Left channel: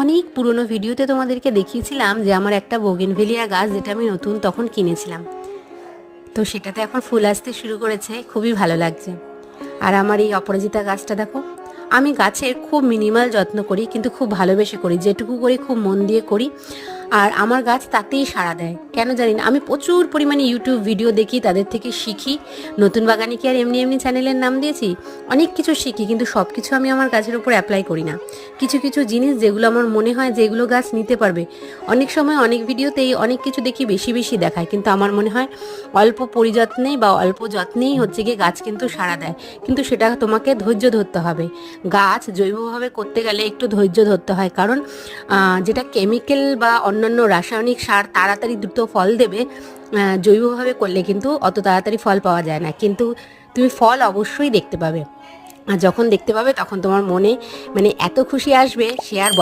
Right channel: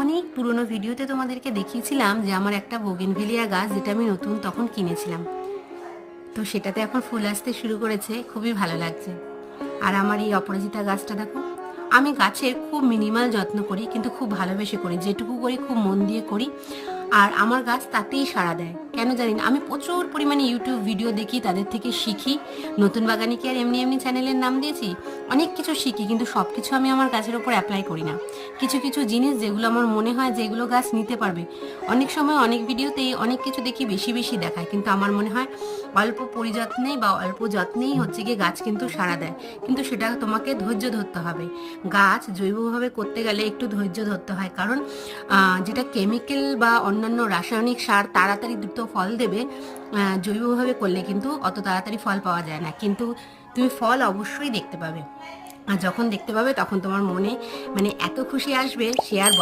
অনেক পুরনো ভিডিওতে তোমাদেরকে দেখিয়েছিলাম যে আমার একটা বোগেনভেলিয়া গাছ যেটা আমি নতুন তখন কিনেছিলাম, তো সেটাতে এখন ফুল আসতে শুরু করেছে, খুবই ভালো লাগছে। আর আমার এই অপরাজিতা গাছটা দেখো, আমি গাছের খুব মিনিমাল যত্ন করি, কিন্তু খুব ভালোবেসে করি, যেটুকু করি খুব মন দিয়ে করি। আর আমার গাছ তাতেই সাড়া দেয়, কেন জানি না। আমি প্রচুর পরিমাণে ইউটিউব ভিডিও দেখি, তাদের থেকে শিখি। নতুন বাগানে কি আর এমনি এমনি চ্যানেলের নাম দিয়েছি, অনেক কিছু শিখি, কিন্তু সব কিছু আমি আমার গাছের উপর অ্যাপ্লাই করি না। কিছু কিছু জিনিস যেগুলো আমার মনে হয় যে এগুলো গাছ নিতে পারবে, অনেক সময় অনেক ভিডিওতেই অনেক কিছু দেখি বেশি বেশি দেখায়, কিন্তু আমার মনে হয় অল্প পরিযত্নে বা অল্প যত্নেই হচ্ছে গিয়ে গাছ কিন্তু সাড়া দেয়। কিন্তু সেটা তোমাকে ধৈর্য ধরতে হবে। গাছ জৈবভাবে করতে গেলে একটু ধৈর্য ধরতে হয়, কারণ যেটা কেমিক্যাল বা অন্যান্য রাসায়নিক সার তাড়াতাড়ি দ্রুত ফল দেবে, জৈবভাবে করলে কিন্তু অত তাড়াতাড়ি ফল পাওয়া যায় না, কিন্তু তুমি ফল অবশ্যই দেখতে পাবে। আর যখন দেখতে পাবে তখন তোমার মনে মানে এত খুশি আসবে, সে আর